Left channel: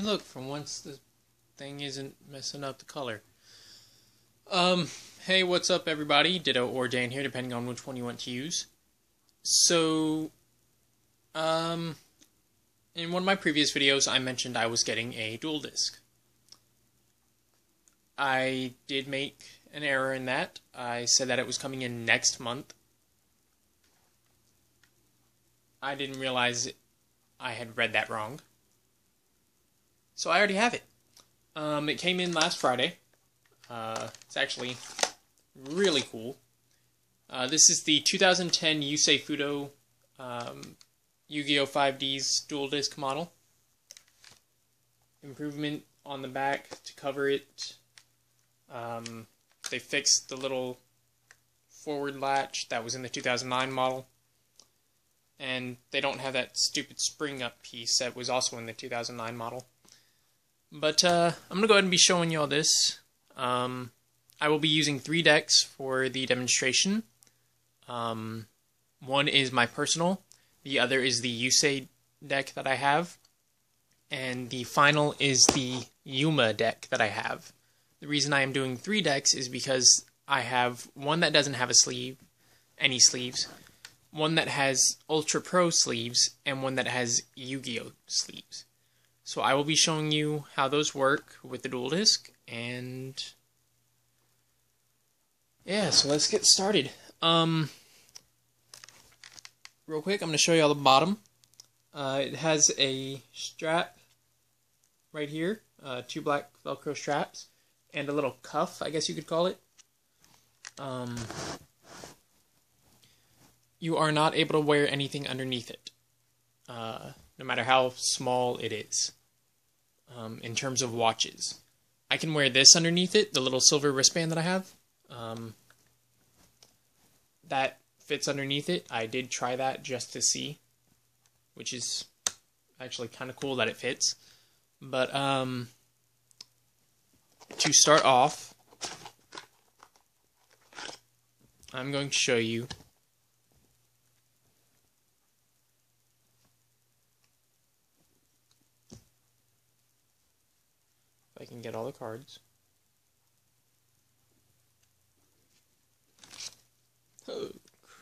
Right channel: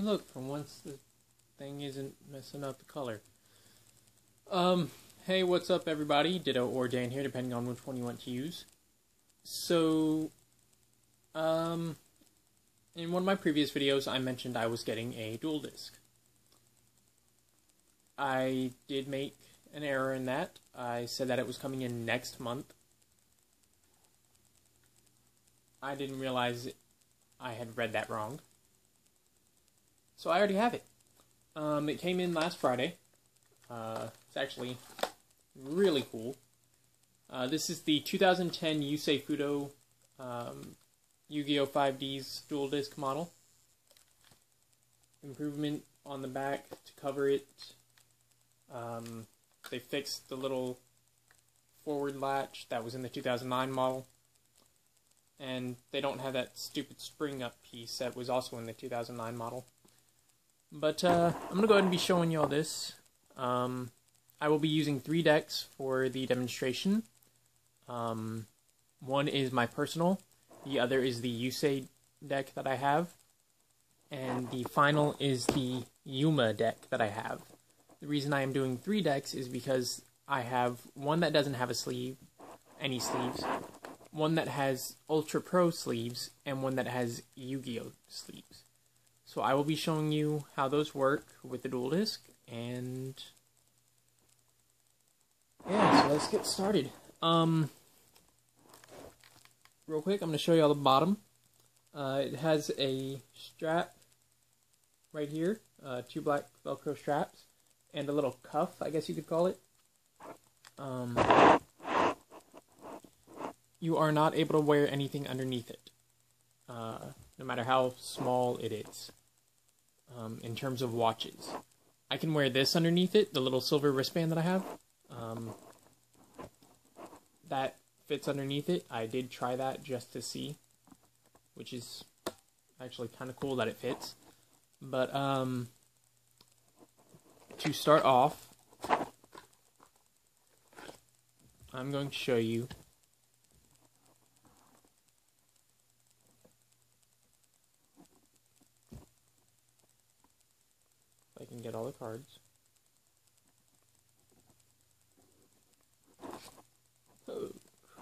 Hey, look, for once the thing isn't messing up the color. Hey, what's up, everybody? Ditto or Dan here, depending on which one you want to use. So, in one of my previous videos, I mentioned I was getting a dual disc. I did make an error in that. I said that it was coming in next month. I didn't realize I had read that wrong. So I already have it. It came in last Friday. It's actually really cool. This is the 2010 Yusei Fudo Yu-Gi-Oh! 5D's dual disc model. Improvement on the back to cover it. They fixed the little forward latch that was in the 2009 model. And they don't have that stupid spring up piece that was also in the 2009 model. But I'm going to go ahead and be showing you all this. I will be using 3 decks for the demonstration. One is my personal, the other is the Yusei deck that I have, and the final is the Yuma deck that I have. The reason I am doing 3 decks is because I have one that doesn't have a sleeve, any sleeves, one that has Ultra Pro sleeves, and one that has Yu-Gi-Oh! Sleeves. So I will be showing you how those work with the dual disc, and yeah, so let's get started. Real quick, I'm going to show you all the bottom. It has a strap right here, 2 black Velcro straps, and a little cuff, I guess you could call it. You are not able to wear anything underneath it, no matter how small it is. In terms of watches, I can wear this underneath it, the little silver wristband that I have. That fits underneath it. I did try that just to see, which is actually kind of cool that it fits. But to start off, I'm going to show you if I can get all the cards. Oh,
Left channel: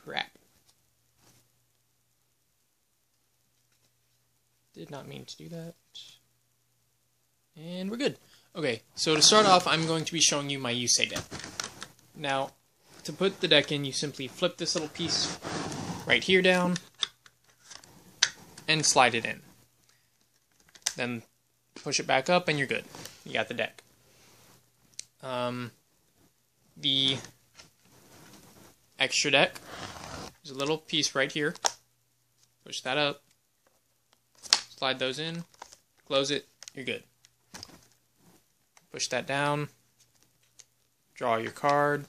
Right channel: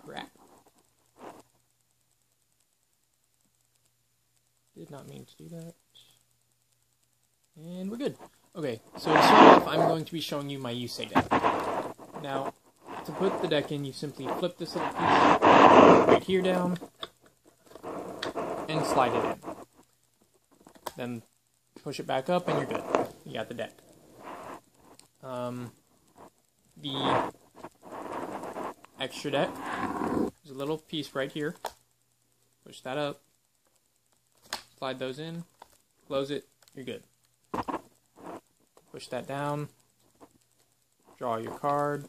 crap. Did not mean to do that. And we're good. Okay, so to start off, I'm going to be showing you my Yusei deck. Now, to put the deck in, you simply flip this little piece right here down and slide it in. Then push it back up and you're good. You got the deck. The extra deck, there's a little piece right here. Push that up. Slide those in. Close it. You're good. Push that down. Draw your card.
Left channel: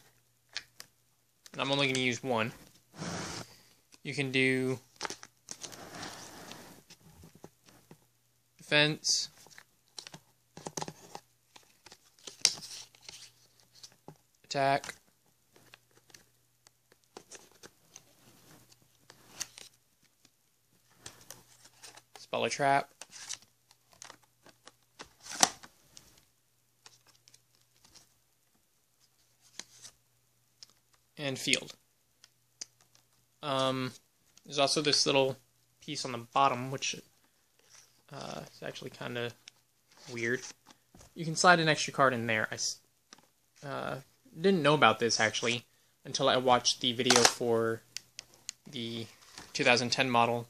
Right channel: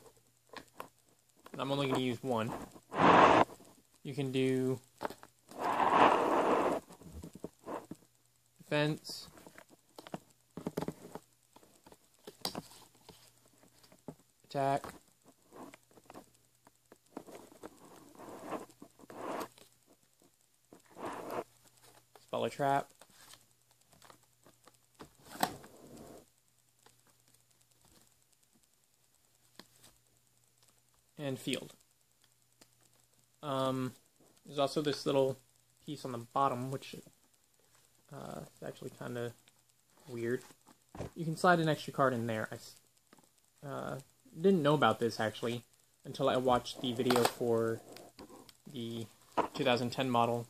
And I'm only going to use one. You can do defense, attack, spell a trap, and field. There's also this little piece on the bottom, which is actually kind of weird. You can slide an extra card in there. I didn't know about this, actually, until I watched the video for the 2010 model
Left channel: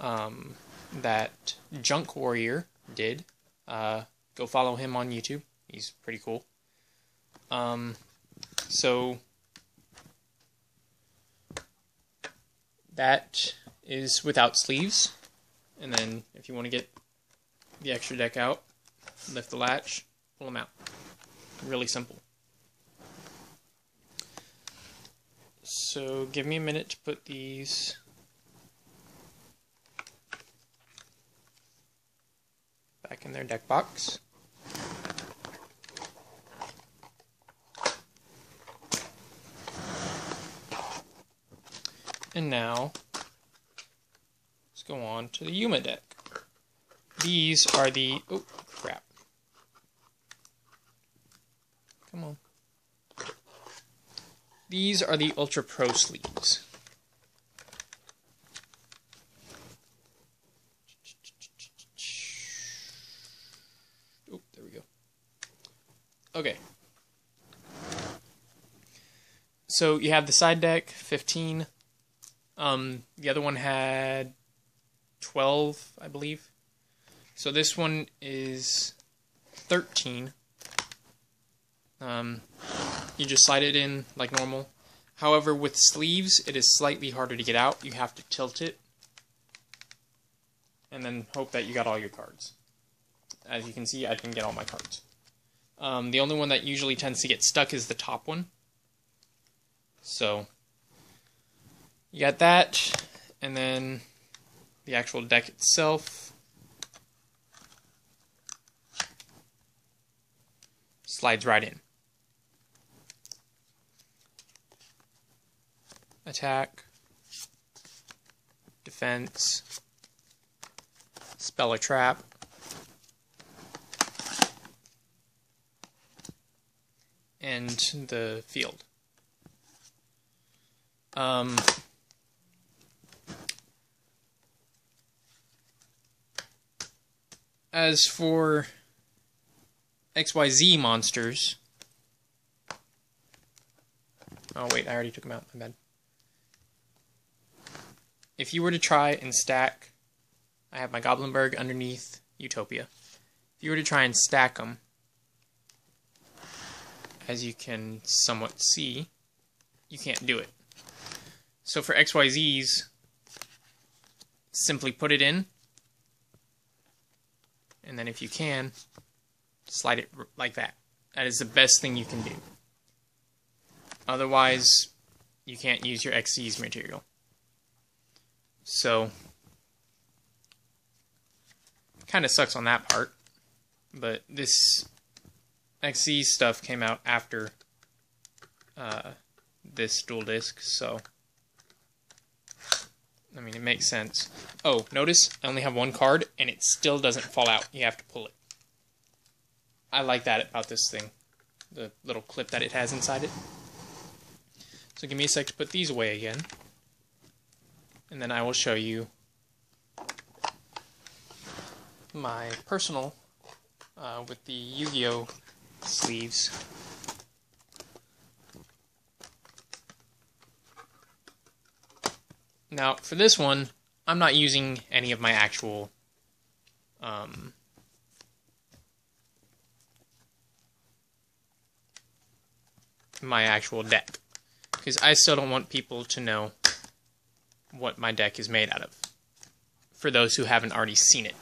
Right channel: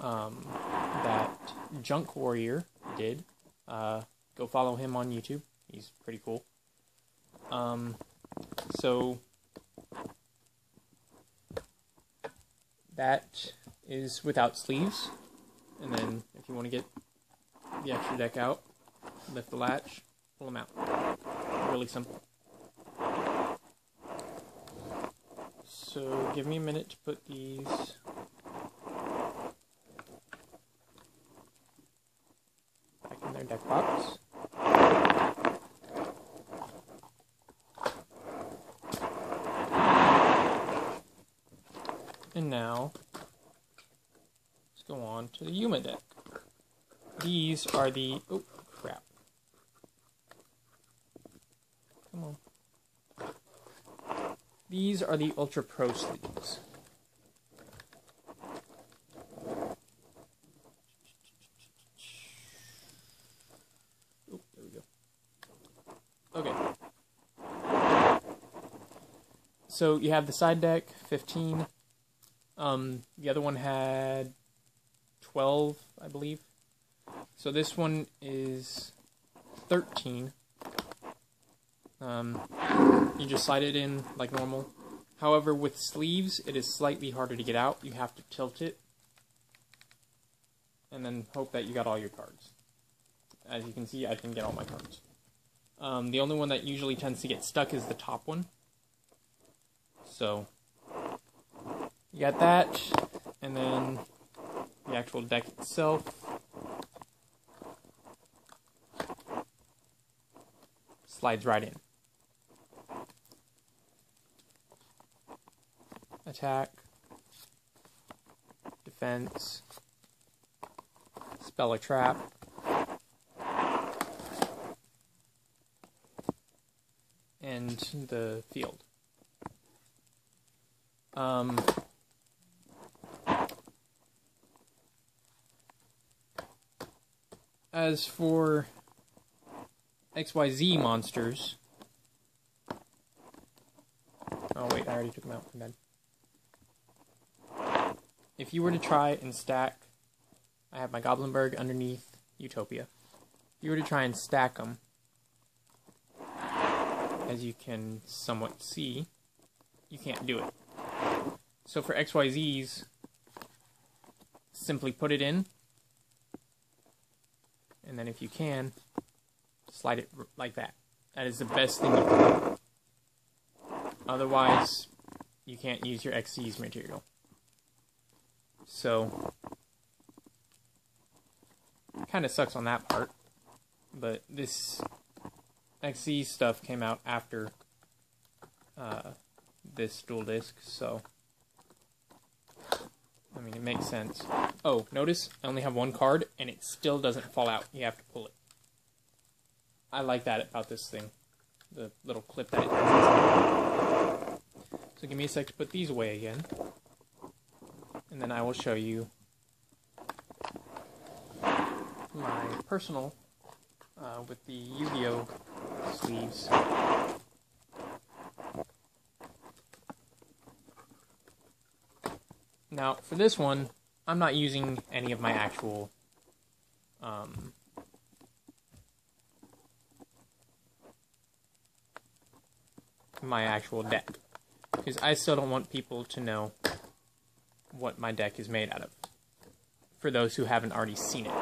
that Junk Warrior did. Go follow him on YouTube. He's pretty cool. So that is without sleeves. And then if you want to get the extra deck out, lift the latch, pull them out. Really simple. So give me a minute to put these back in their deck box. And now let's go on to the Yuma deck. these are the... Oh, crap. Come on. These are the Ultra Pro sleeves. Oh, there we go. Okay. So you have the side deck, 15. The other one had 12, I believe. So this one is 13. You just slide it in like normal. However, with sleeves, it is slightly harder to get out. You have to tilt it. And then hope that you got all your cards. As you can see, I didn't get all my cards. The only one that usually tends to get stuck is the top one. So, you got that, and then the actual deck itself. Slides right in. Attack, defense, spell a trap, and the field. As for XYZ monsters... Oh wait, I already took them out, my bad. If you were to try and stack... I have my Goblinberg underneath Utopia. If you were to try and stack them, as you can somewhat see, you can't do it. So for XYZs, simply put it in, and then if you can, slide it like that. That is the best thing you can do. Otherwise, you can't use your XZ's material. So, kind of sucks on that part, but this XZ stuff came out after this dual disc, so I mean, it makes sense. Oh, notice I only have one card, and it still doesn't fall out. You have to pull it. I like that about this thing, the little clip that it has inside it. So give me a sec to put these away again, and then I will show you my personal with the Yu-Gi-Oh! Sleeves. Now, for this one, I'm not using any of my actual deck, because I still don't want people to know what my deck is made out of, for those who haven't already seen it.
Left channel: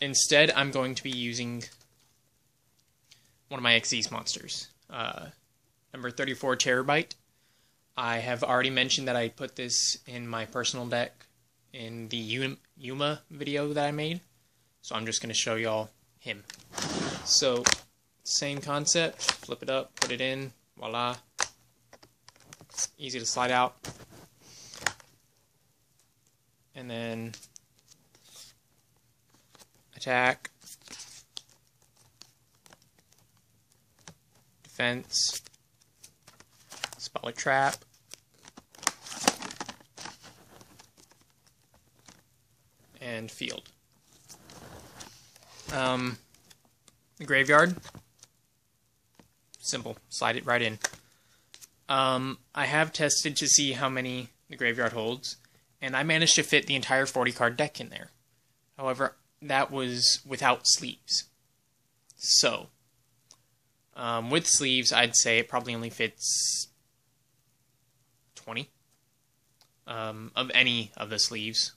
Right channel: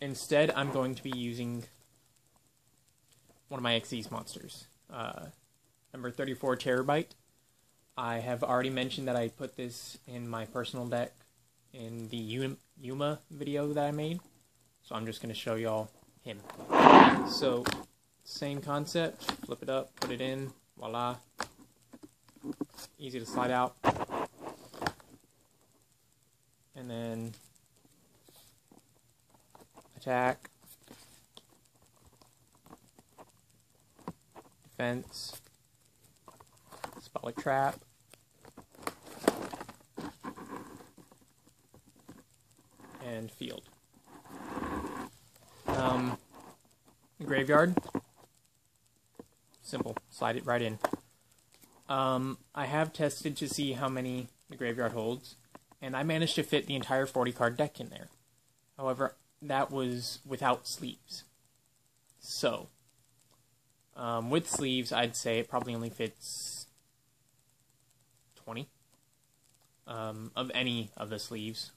Instead, I'm going to be using one of my XZ's monsters, number 34 Terabyte. I have already mentioned that I put this in my personal deck in the Yuma video that I made, so I'm just going to show y'all him. So, same concept, flip it up, put it in, voila. Easy to slide out. And then attack, defense, spell a trap, and field. The graveyard, simple, slide it right in. I have tested to see how many the graveyard holds, and I managed to fit the entire 40 card deck in there. However, that was without sleeves. So, with sleeves, I'd say it probably only fits 20 of any of the sleeves.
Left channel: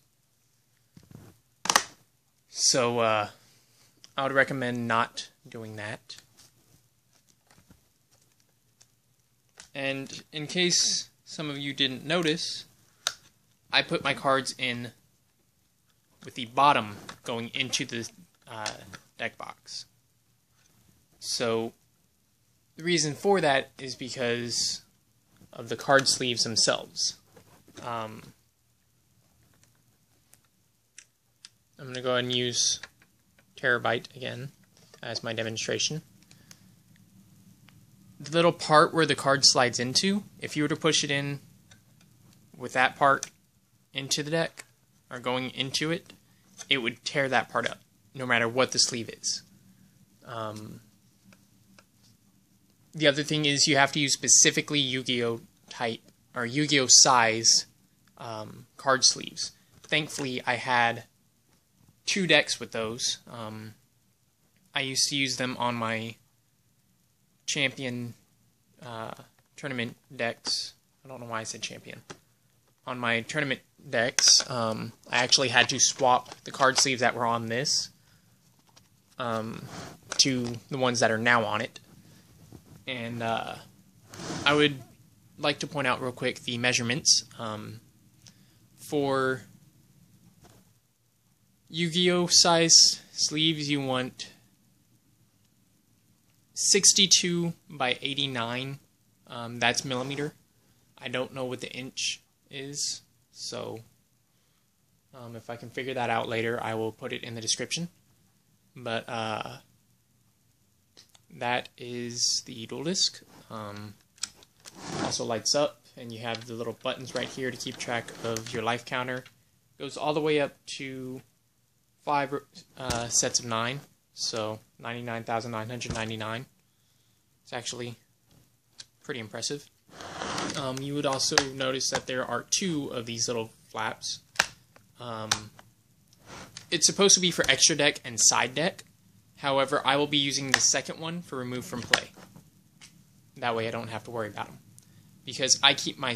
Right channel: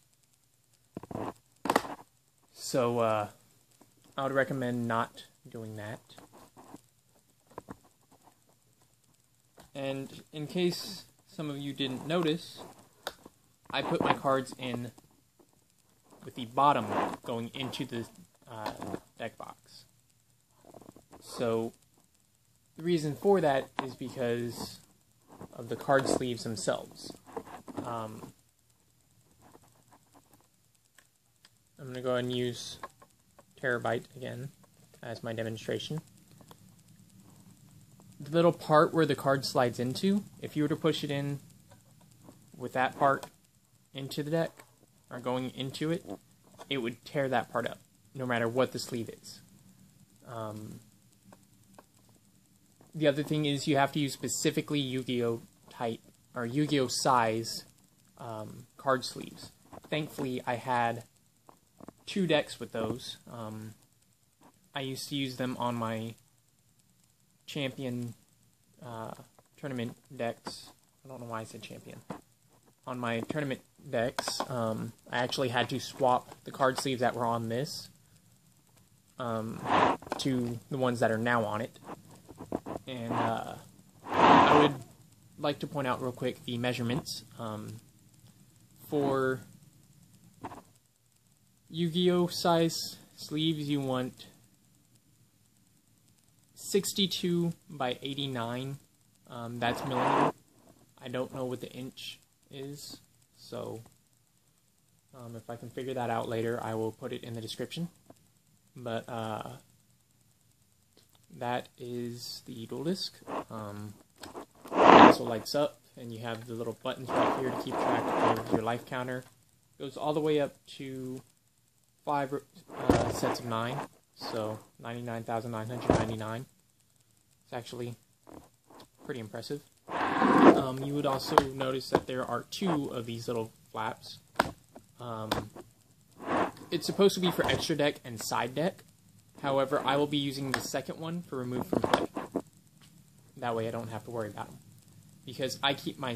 So, I would recommend not doing that. And in case some of you didn't notice, I put my cards in with the bottom going into the deck box. So the reason for that is because of the card sleeves themselves. I'm going to go ahead and use Terabyte again as my demonstration. The little part where the card slides into, if you were to push it in with that part into the deck, or going into it, it would tear that part up, no matter what the sleeve is. The other thing is you have to use specifically Yu-Gi-Oh type, or Yu-Gi-Oh size card sleeves. Thankfully, I had 2 decks with those. I used to use them on my champion tournament decks. I don't know why I said champion. On my tournament decks, I actually had to swap the card sleeves that were on this to the ones that are now on it. And I would like to point out real quick the measurements. For Yu-Gi-Oh size sleeves, you want 62 by 89. That's millimeter. I don't know what the inch is, so if I can figure that out later, I will put it in the description. But that is the dual disc. It also lights up, and you have the little buttons right here to keep track of your life counter. Goes all the way up to 5 sets of 9, so 99,999. It's actually pretty impressive. You would also notice that there are 2 of these little flaps. It's supposed to be for extra deck and side deck. However, I will be using the second one for remove from play. That way I don't have to worry about them. Because I keep my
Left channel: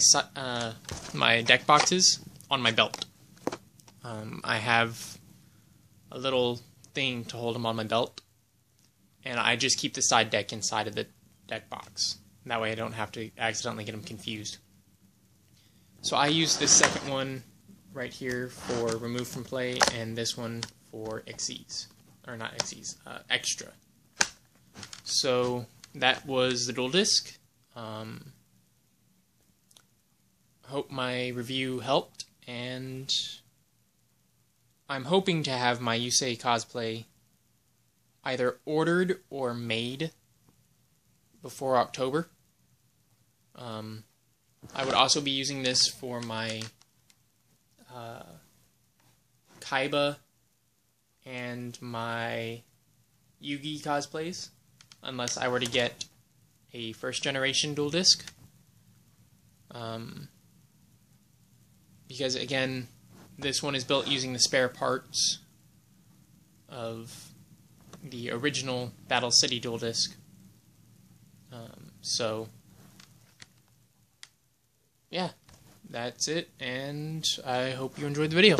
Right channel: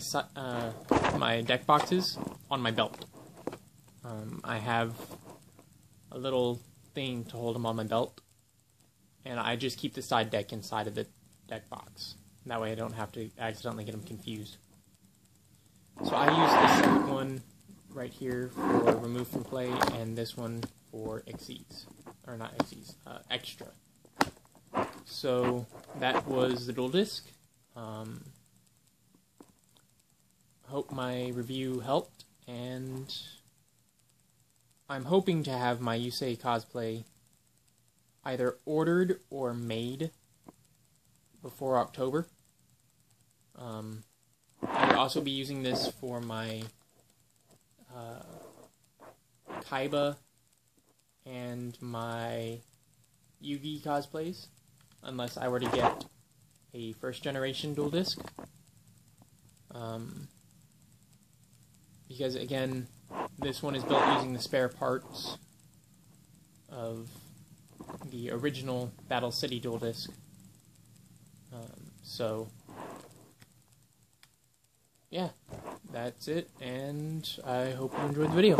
my deck boxes on my belt. I have a little thing to hold them on my belt. And I just keep the side deck inside of the deck box. That way I don't have to accidentally get them confused. So I use this second one right here for remove from play, and this one for XEs. Or not XEs, extra. So that was the dual disc. Hope my review helped, and I'm hoping to have my Yusei cosplay either ordered or made before October. I would also be using this for my Kaiba and my Yugi cosplays, unless I were to get a first generation dual disc. Because again, this one is built using the spare parts of the original Battle City dual disc. So yeah, that's it, and I hope you enjoyed the video.